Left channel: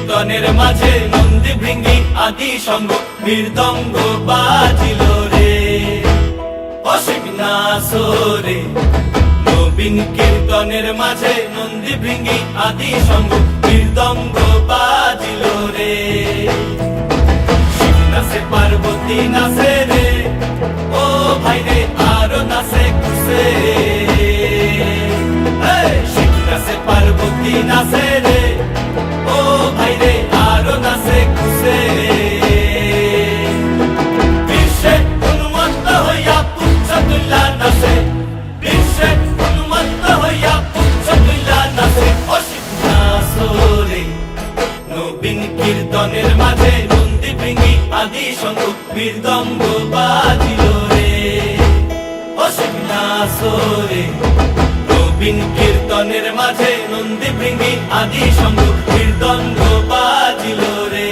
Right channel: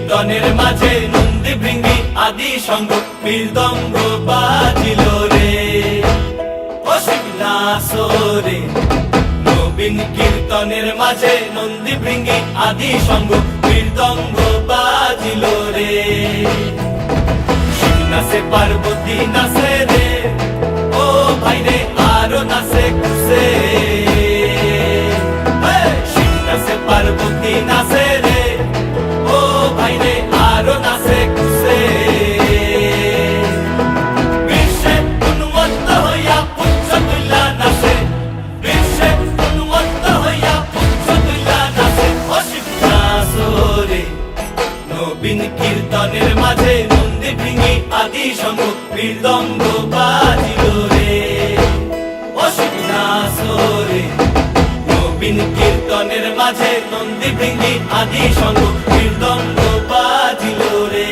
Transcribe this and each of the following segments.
কীর্তনের মাঝে নন্দী ভৃঙ্গি আদি সঙ্গ মৃদঙ্গ বাজিল রে অসীম নাসরে। নবীন কীর্তনের মাঝে নন্দী ভৃঙ্গি আদি সঙ্গ মৃদঙ্গ বাজিল রে। শিব নাচে পার্বতী নাচে রে ও ভাই রে আরো নাচে খুশে। শিব নাচে পার্বতী নাচে রে ও ভাই রে আরো নাচে খুশে। বিশ্বে উন্মত্ত হইয়া পুচ্ছ তুল্লা নাচে, বিশ্বে উন্মত্ত হইয়া পুচ্ছ তুল্লা নাচে অসীম নাচরে। নবীন কীর্তনের মাঝে নন্দী ভৃঙ্গি আদি সঙ্গ মৃদঙ্গ বাজিল রে অসীম নাচরে। নবীন কীর্তনের মাঝে নন্দী ভৃঙ্গি আদি সঙ্গ মৃদঙ্গ বাজিল রে।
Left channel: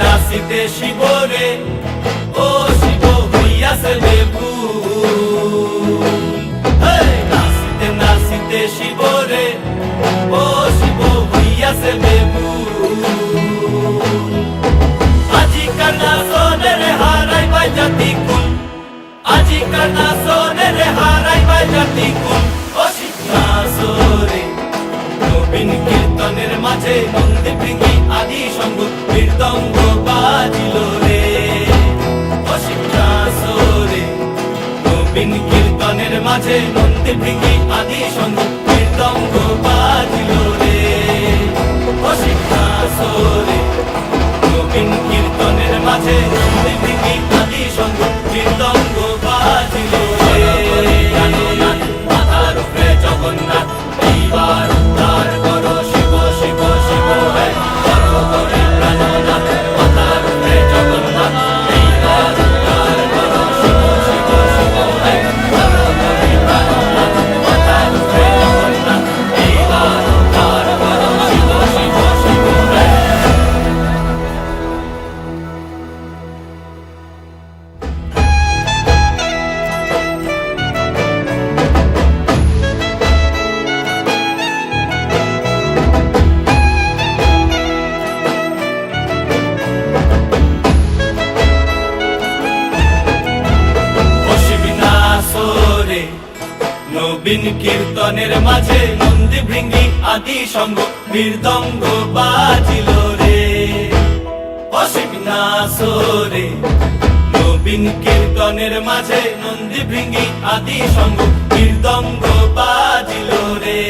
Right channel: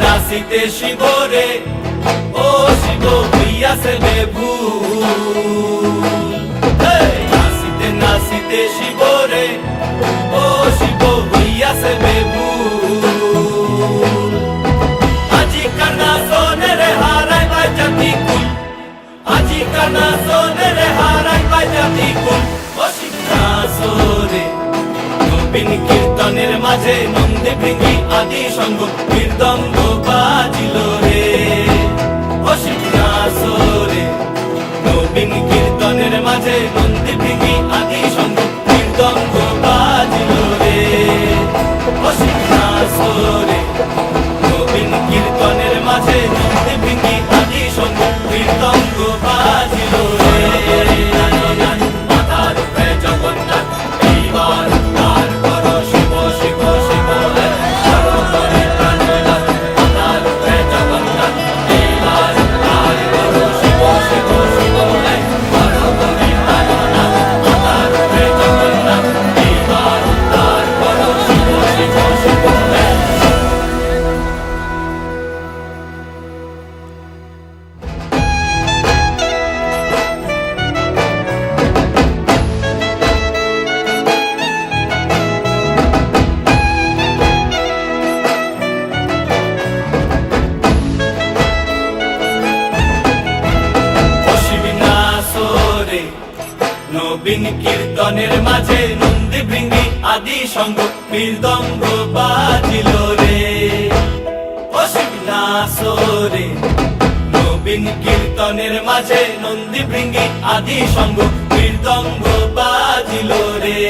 নাচিতে শিব রে ও শিব হইয়াছে বেভুল। নাচিতে নাচিতে শিব রে ও শিব হইয়াছে বেভুল। আজিকার নাচনে রে হারাই পাই জাতি কুল, আজিকার নাচনে রে হারাই পাই জাতি কুল অসীম নাচরে। নবীন কীর্তনের মাঝে নন্দী ভৃঙ্গি আদি সঙ্গ মৃদঙ্গ বাজিল রে অসীম নাচরে। নবীন কীর্তনের মাঝে নন্দী ভৃঙ্গি আদি সঙ্গ মৃদঙ্গ বাজিল রে অসীম নাচরে। নবীন কীর্তনের মাঝে নন্দী ভৃঙ্গি আদি সঙ্গ মৃদঙ্গ বাজিল রে। মাথার উপরে জগন্নাথ এইবার উদ্ধার করো শিব শিব শিব হে করো হরে প্রাণনাথ। মাথার উপরে জগন্নাথ এইবার উদ্ধার করো শিব শিব শিব হে করো হরে প্রাণনাথ। মাথার উপরে জগন্নাথ এইবার উদ্ধার করো শিব শিব শিব হে। নবীন কীর্তনের মাঝে নন্দী ভৃঙ্গি আদি সঙ্গ মৃদঙ্গ বাজিল রে অসীম নাচরে। নবীন কীর্তনের মাঝে নন্দী ভৃঙ্গি আদি সঙ্গ মৃদঙ্গ বাজিল রে।